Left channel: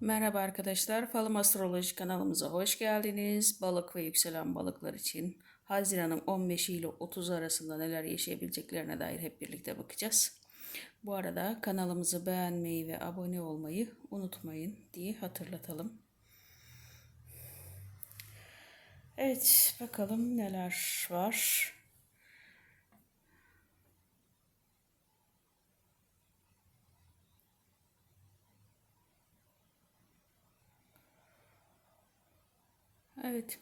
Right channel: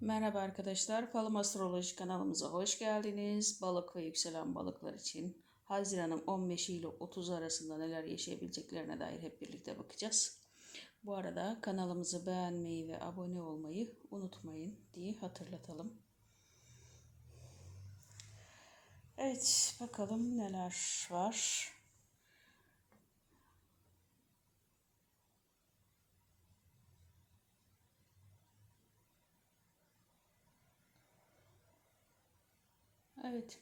Merhaba arkadaşlar, Falım Astroloji kanalımıza hoş geldiniz. Balık ve yükselen balıklar için Haziran'ın 15 ile 30 arasında neler yaşayabileceklerine dair hep birlikte bakacağız. Bu arada kanalımızı beğenmeyi ve abone olmayı unutmayın diye hatırlatalım. Evet, bakalım neler var. Evet.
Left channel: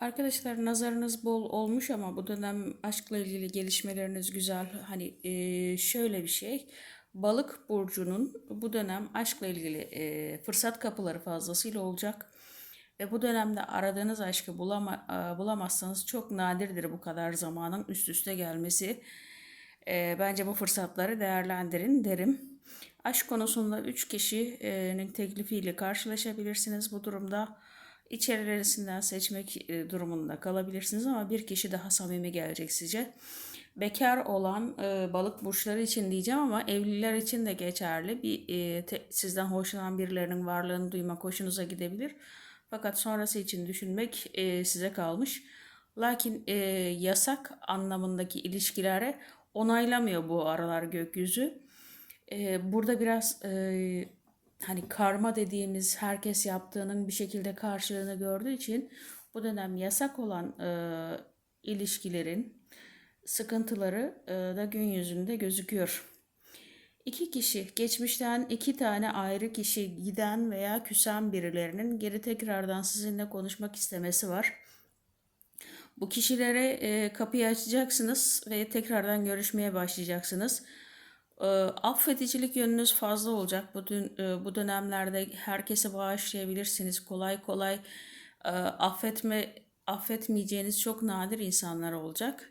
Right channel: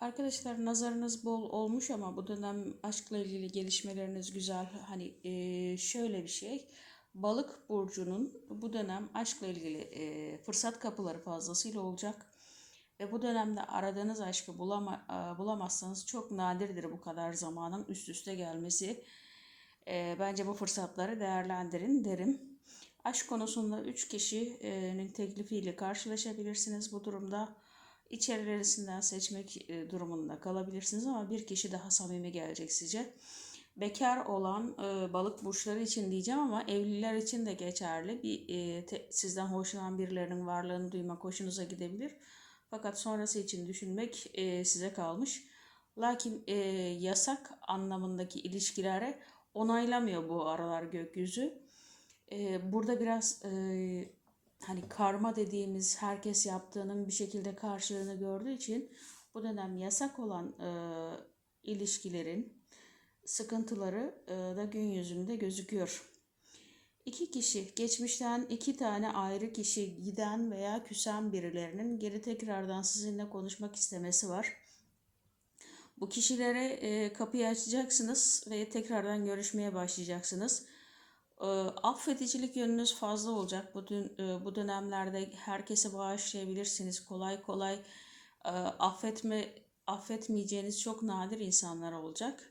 Arkadaşlar nazarınız bol olmuş ama bu dönem aşkla ilgili gelişmeleriniz güzel. Hani e, şöyle bir şey. Balık burcunun bu dönem aşkla ilgili e, fırsat kapıları fazlasıyla olacak. Ve bu dönemde aradığınız aşkı bulama, e, bulamazsanız çok nadirdir bu kadar zamanın üst üste gelmesi. E, bence bu fırsatları değerlendirin derim. Aşk konusunda 3 kişinin teklifiyle karşılaşabilirsiniz bu durumda. İçerilerinden seçmek e, durumunda kalabilirsiniz ama bir kişi daha samimi gelecek size. Bekar olan e, balık burçları için diyeceğim ama evliler için de geçerli. Bir e, te, sizden hoşlanan birilerinin varlığını duymak hoşunuza gidebilir. Fakat sonrası için düşünmek e, size kalmış. Lakin e, yasak anlamındaki ilişkilere onaylamıyor bu aralar gökyüzü. E, burada biraz e, hani karma dediğimiz herkes yaptığının bir şekilde karşılığını gördüğü için bu dönem yasak olan e, ilişkilerin sıkıntıları e, da gün yüzünde gözüküyor. İki kişi, geçmişten iki tane ayrı kişi giden veya küsen birilerinin geri tekrardan sizinle konuşmak istemesi var. Bu kişilere e, kapıyı açacaksınız ve tekrardan görüşmeye başlayacaksınız. E, affedicilik yönünüz fazla olacak. Bu, dün, e, bu dönemlerde herkese bağışlayabilirsiniz. Kolay kolay e, affetme affetmeyeceğiniz çok nadir insanlar olacak.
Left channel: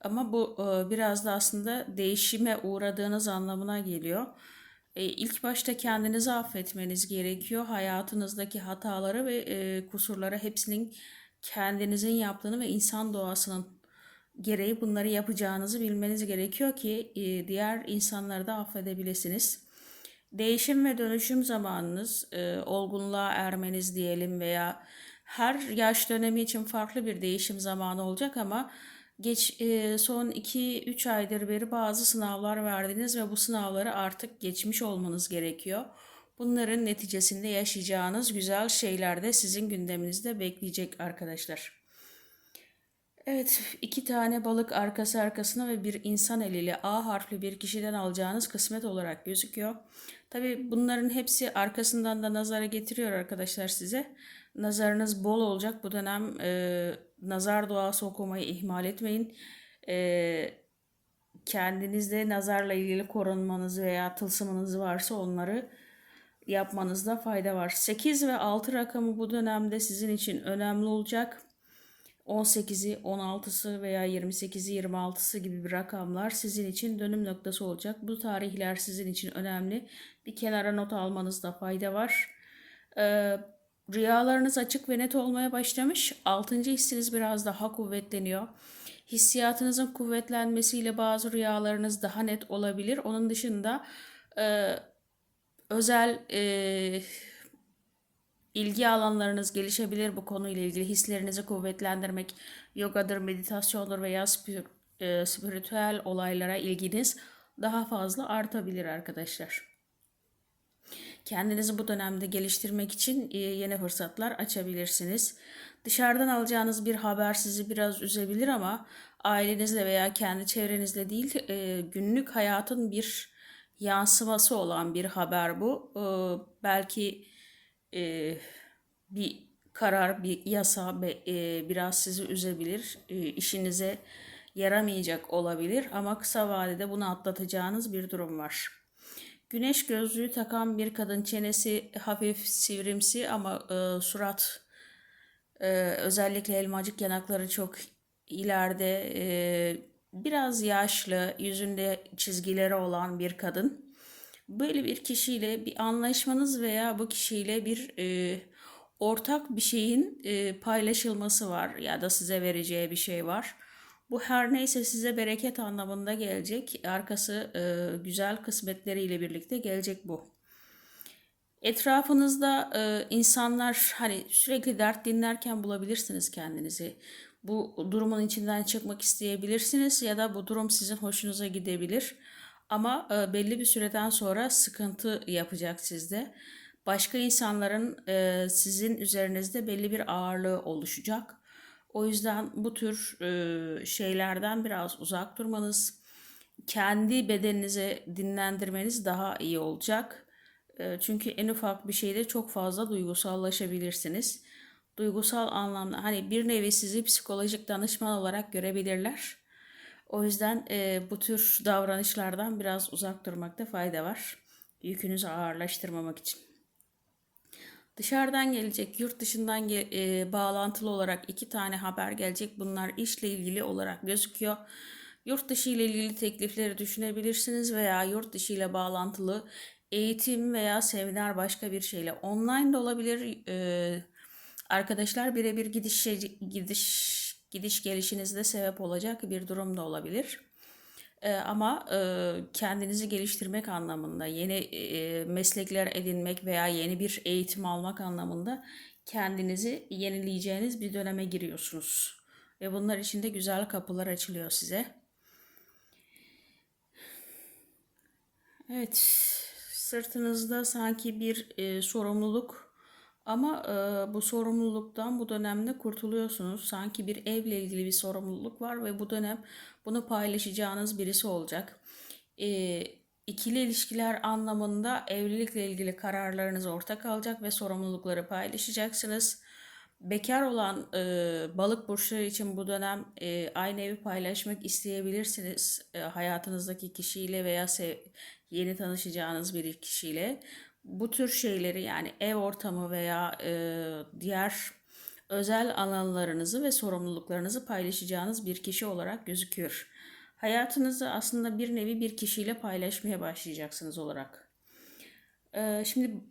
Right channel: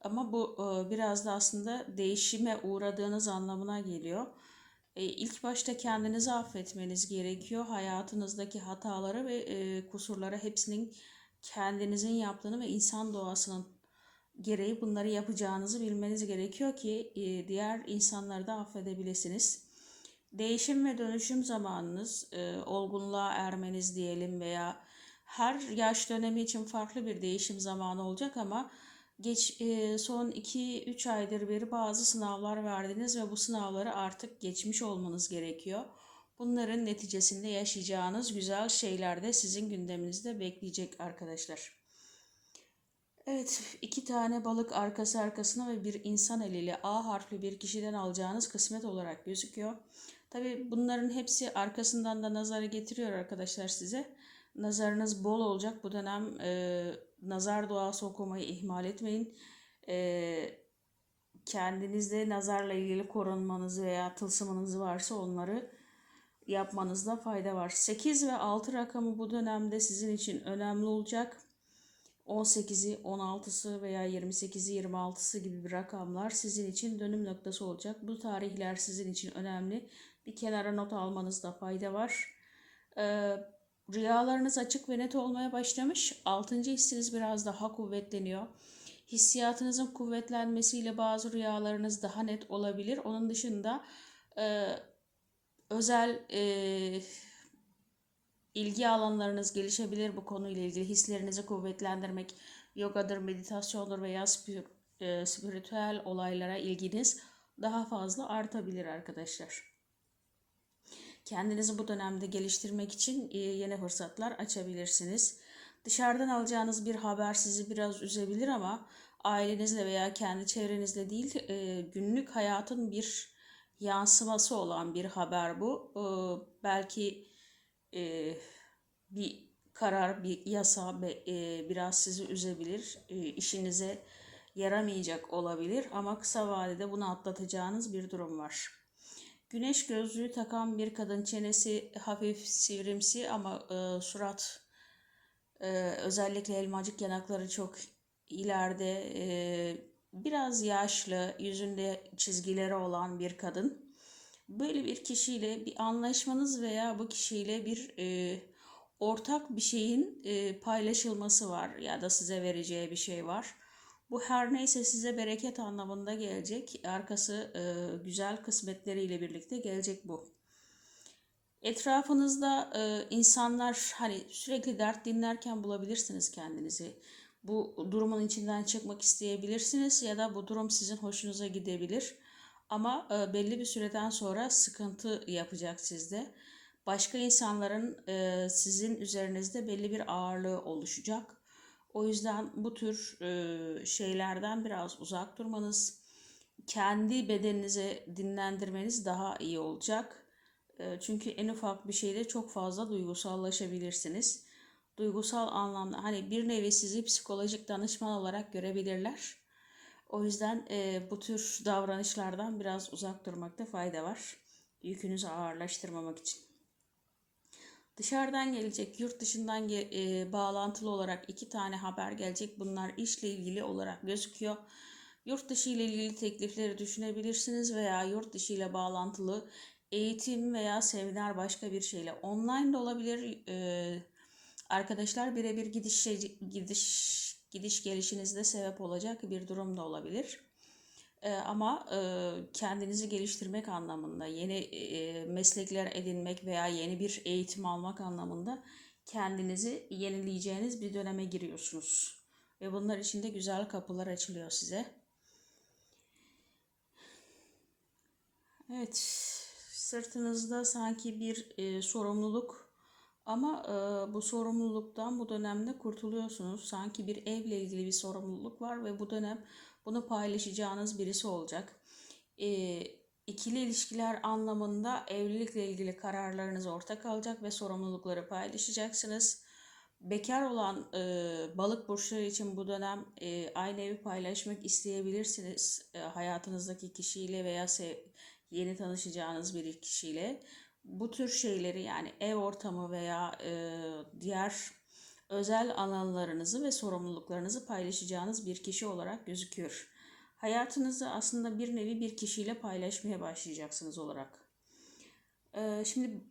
Ama bu e, biraz da aslında değişime uğradığınız anlamına geliyor. E, ilk başta kendinizi affetmeniz gerekiyor. Hayatınızdaki hataları ve e, kusurları hepsinin kendinizin yaptığını ve insan doğasının gereği bunları yapacağınızı bilmeniz gerekiyor ki e, diğer insanları da affedebilirsiniz. Değişim ve dönüşüm zamanınız, e, olgunluğa ermeniz diyelim veya her yaş dönemi için farklı bir değişim zamanı olacak ama geç e, son 2-3 aydır beri bazı sınavlar verdiniz ve bu sınavları artık geçmiş olmanız gerekiyor. Bunların neticesinde yaşayacağınız güzel şeyler de sizin gündeminizde bekleyecek arkadaşlar. Evet, iki tane balık arkası arkasına ve bir insan eliyle A harfli bir kişiden alacağınız kısmet olarak gözüküyor. Tabi bunların hepsi arkasından da nazara getiriyor arkadaşlar size. Nazarınız bol olacak bu dönem. E, nazar duası okumayı ihmal etmeyin. E, kendinizde nazarla ilgili korunmanız veya tılsımınız varsa onları yapmanızda fayda var. 8 ve 6 rakamı bu dönemde sizin için önemli olacak. 18'i, 16'sı veya 28'i, 26'sı gibi bir rakamlar sizin için dönüm noktası olacak. Bu tarihler sizin için önemli. Bir kenara not almanızda fayda var. Ee, rüyalarınız açık ve net olmaya başlamış. Altıncı hissiniz biraz daha kuvvetleniyor. Hissiyatınızın kuvvetlenmesiyle bazı rüyalarınız daha net olabilir. Onun dışında e, özel e, ilgi alanlarınız gelişebilir bu konuyla ilgili hislerinizi kuvvetlendirmek, yogadır, meditasyondur veya spir, e, spiritüel olaylara ilginiz daha fazla artabilir arkadaşlar. Kendinizi bu dönemde geliştirmek için e, yeni fırsatlar açabilirsiniz. Dışarıdan alacağınız bir haber sizi biraz üzebilir ama ailenizle veya kendi çevrenizle değil e, günlük hayatın bir yansıması olan bir haber bu. E, belki e, bir karar, bir yasa e, biraz sizi üzebilir, e, işinize yaramayacak olabilir ama kısa vadede bunu atlatacağınız bir durum var. Güneş gözlüğü takan bir kadın çenesi hafif sivrimsi ama e, surat e, özellikle elmacık yanakları çok ileride e, biraz yaşlı yüzünde çizgileri olan bir kadın. Böyle bir kişiyle bir anlaşmanız veya bu kişiyle bir e, ortak bir şeyin e, paylaşılması var ya da size vereceği bir şey var. Bu her neyse size bereket anlamında gelecek. Arkası e, güzel kısmetleriyle birlikte gelecek bu. Etrafınızda e, insanlar hani sürekli dert dinlerken bulabilirsiniz kendinizi. Bu durumun içinden çıkmak isteyebilirsiniz ya da bu durum sizin hoşunuza gidebilir. Ama e, belli bir süreden sonra sıkıntı yapacak sizde. Başka insanların e, sizin üzerinizde belli bir ağırlığı oluşacak. O yüzden bu tür e, şeylerden biraz uzak durmanız, kendi bedeninizi dinlendirmeniz daha iyi olacak. Çünkü en ufak bir şeyde çok fazla duygusallaşabilirsiniz. Duygusal anlamda hani bir nevi sizi psikolojik danışman olarak görebilirler. O yüzden e, bu tür davranışlardan biraz uzak durmakta fayda var. Yükünüzü ağırlaştırmamak için. Dışarıdan gelecek, yurt dışından e, bağlantılı olarak iki tane haber gelecek. Bunlar işle ilgili olarak gözüküyor. Yurt dışı ile ilgili teklifleri düşünebilirsiniz veya yurt dışı ile bağlantılı eğitim veya seminer başka bir şeyle online de olabilir. E, arkadaşlar birebir gidiş gidiş gidiş gelişinizde sebep olacak bir durum da olabilir. E, ama e, kendinizi geliştirmek anlamında, yeni e, meslekler edinmek veya yeni bir eğitim almak anlamında kendinizi yenileyeceğiniz bir döneme giriyorsunuz. Ve bunlar için de güzel kapılar açılıyor size. Evet, sırtınızda sanki bir e, sorumluluk ama e, bu sorumluluktan bu dönemde kurtuluyorsunuz. Sanki bir evle ilgili bir sorumluluk var ve bu dönem bunu paylaşacağınız birisi olacak. E, ikili ilişkiler anlamında evlilikle ilgili kararlarınız ortak alacak ve sorumlulukları paylaşacaksınız. Bekar olan e, balık burçları için bu dönem e, aynı evi paylaşmak isteyebilirsiniz. E, hayatınızdaki kişiyle veya yeni tanışacağınız bir kişiyle. Bu tür şeyleri yani ev ortamı veya e, diğer özel alanlarınızı ve sorumluluklarınızı paylaşacağınız bir kişi olarak gözüküyor. Hayatınızı aslında bir nevi bir kişiyle paylaşmaya başlayacaksınız olarak. E, şimdi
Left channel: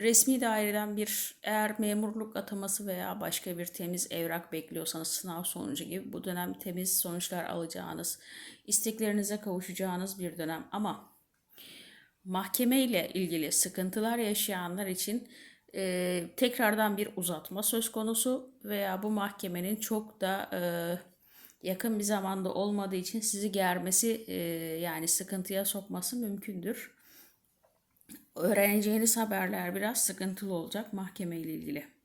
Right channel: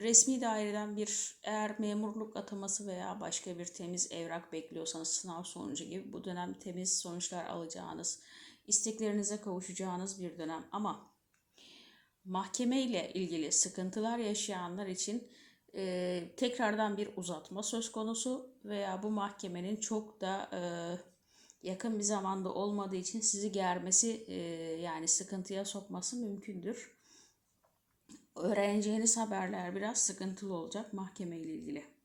resmi daireden bir eğer memurluk ataması veya başka bir temiz evrak bekliyorsanız sınav sonucu gibi bu dönem temiz sonuçlar alacağınız, isteklerinize kavuşacağınız bir dönem ama mahkeme ile ilgili sıkıntılar yaşayanlar için e, tekrardan bir uzatma söz konusu veya bu mahkemenin çok da e, yakın bir zamanda olmadığı için sizi germesi e, yani sıkıntıya sokması mümkündür. Öğreneceğiniz haberler biraz sıkıntılı olacak mahkeme ile ilgili.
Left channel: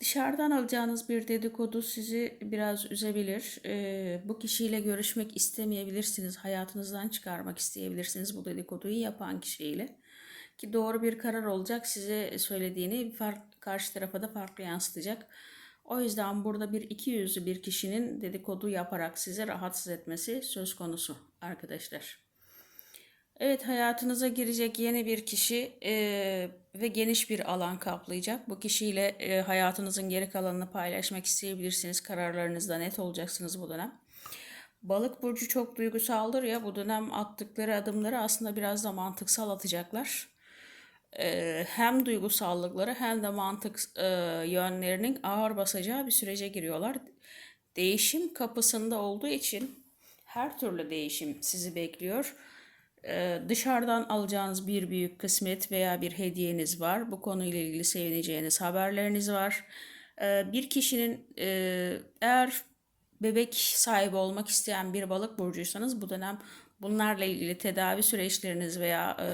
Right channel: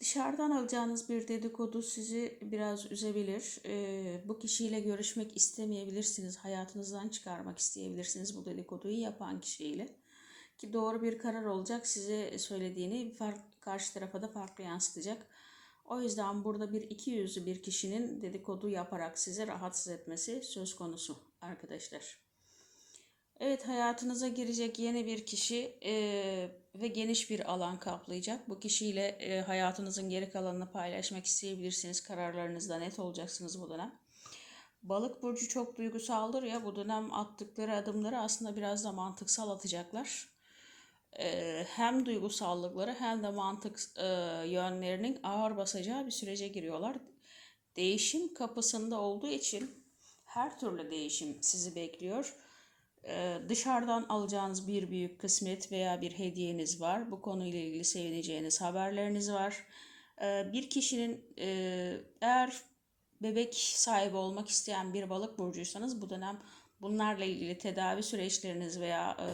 Dışarıdan alacağınız bir dedikodu sizi biraz üzebilir. Ee, bu kişiyle görüşmek istemeyebilirsiniz. Hayatınızdan çıkarmak isteyebilirsiniz bu dedikoduyu yapan kişiyle. Ki doğru bir karar olacak. Size söylediğini fark, karşı tarafa da farklı yansıtacak. O yüzden burada bir iki yüzlü bir kişinin dedikodu yaparak sizi rahatsız etmesi söz konusu arkadaşlar. Evet hayatınıza girecek yeni bir kişi e, ve geniş bir alan kaplayacak. Bu kişiyle e, hayatınızın geri kalanını paylaşmak isteyebilirsiniz. Kararlarınızda net olacaksınız bu dönem. Balık burcu çok duygusaldır ya bu dönem attıkları adımları aslında biraz da mantıksal atacaklar. E, hem duygusallıkları hem de mantık e, yönlerinin ağır basacağı bir sürece giriyorlar. Değişim kapısında olduğu için her türlü değişim sizi bekliyor dışarıdan alacağınız bir büyük kısmet veya bir hediyeniz var. Bu konuyla ilgili sevineceğiniz haberleriniz var. Ee, bir kişinin e, eğer bebek sahibi olmak isteyen bir balık burcuysanız bu dönem bunlarla ilgili tedavi süreçleriniz veya e,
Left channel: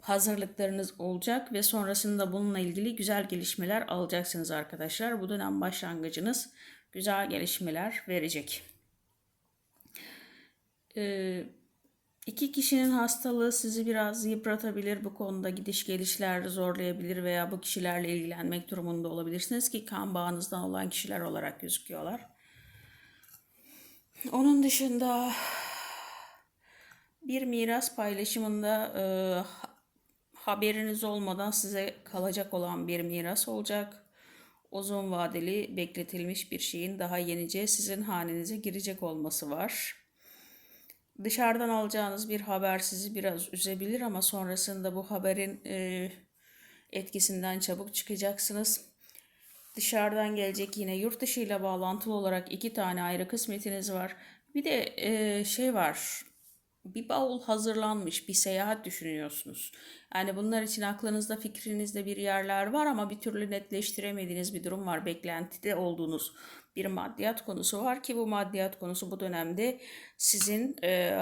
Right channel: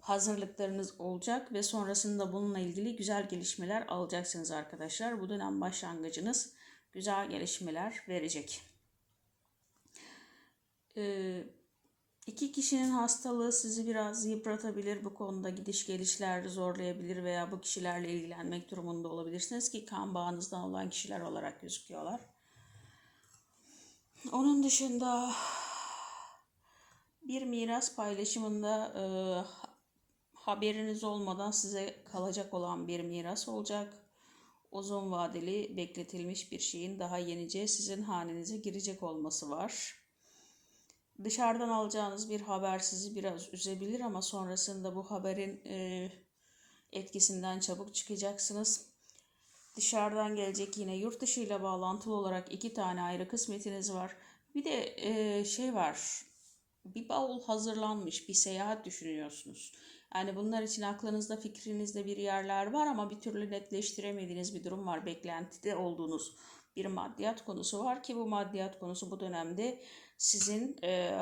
hazırlıklarınız olacak ve sonrasında bununla ilgili güzel gelişmeler alacaksınız arkadaşlar. Bu dönem başlangıcınız güzel gelişmeler verecek. Ee, İki kişinin hastalığı sizi biraz yıpratabilir. Bu konuda gidiş gelişler zorlayabilir veya bu kişilerle ilgilenmek durumunda olabilirsiniz ki kan bağınızdan olan kişiler olarak gözüküyorlar. Onun dışında bir miras paylaşımında e, haberiniz olmadan size kalacak olan bir miras olacak. Uzun vadeli bekletilmiş bir şeyin daha yenice sizin hanenize girecek olması var. Dışarıdan alacağınız bir haber sizi biraz üzebilir ama sonrasında bu haberin e, etkisinden çabuk çıkacaksınız. Dışarıdan gelecek yine yurt dışı ile bağlantılı olarak iki tane ayrı kısmetiniz var. Bir de e, şey var. bir bavul hazırlanmış, bir seyahat düşünüyorsunuz. Yani bunlar için aklınızda, fikrinizde bir yerler var ama bir türlü netleştiremediğiniz bir durum var. Beklentide olduğunuz bir maddiyat konusu var ki bu maddiyat konusu bu dönemde sizin e,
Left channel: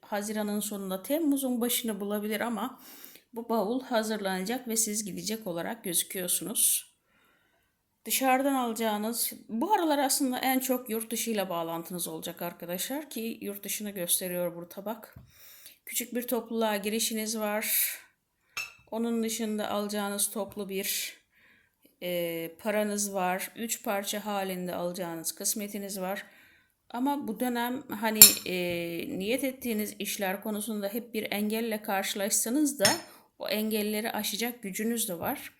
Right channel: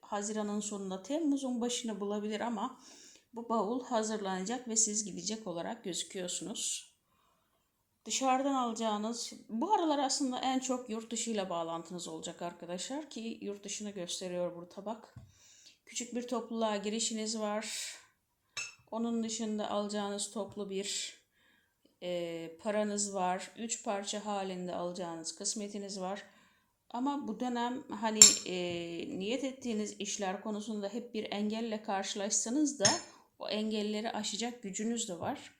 Haziran'ın sonunda Temmuz'un başını bulabilir ama bu bavul hazırlanacak ve siz gidecek olarak gözüküyorsunuz. Dışarıdan alacağınız bu aralar aslında en çok yurt dışı ile bağlantınız olacak arkadaşlar ki yurt dışını gösteriyor burada bak. Küçük bir topluluğa girişiniz var. Onun dışında alacağınız toplu bir e, paranız var. Üç parça halinde alacağınız kısmetiniz var. Ama bu dönem hani e, niyet ettiğiniz işler konusunda hep bir engelle karşılaşsanız da o engelleri aşacak gücünüz de var.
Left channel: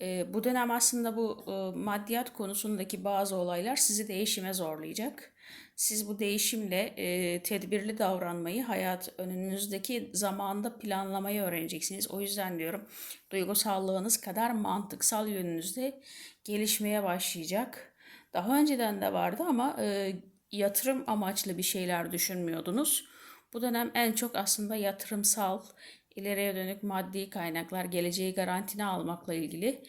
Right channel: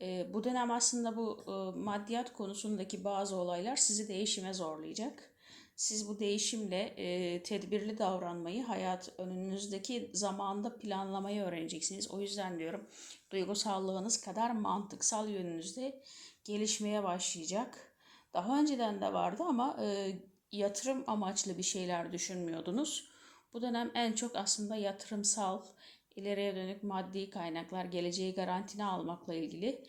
E, bu dönem aslında bu e, maddiyat konusundaki bazı olaylar sizi değişime zorlayacak. Siz bu değişimle e, tedbirli davranmayı, hayat önünüzdeki zamanda planlamayı öğreneceksiniz. O yüzden diyorum duygusallığınız kadar mantıksal yönünüzde gelişmeye başlayacak. Daha önceden de vardı ama e, yatırım amaçlı bir şeyler düşünmüyordunuz. Bu dönem en çok aslında yatırımsal, ileriye dönük maddi kaynaklar, geleceği garantine almakla ilgili,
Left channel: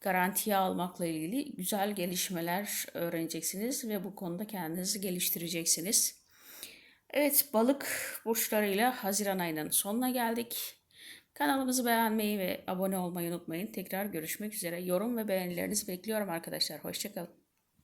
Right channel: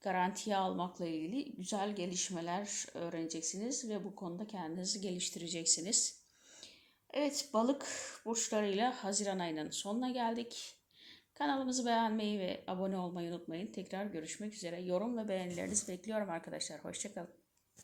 garantiye almakla ilgili güzel gelişmeler öğreneceksiniz ve bu konuda kendinizi geliştireceksiniz. Evet, balık burçlarıyla Haziran ayının sonuna geldik. Kanalımızı beğenmeyi ve abone olmayı unutmayın. Tekrar görüşmek üzere. Yorum ve beğenilerinizi bekliyorum arkadaşlar. Hoşçakalın.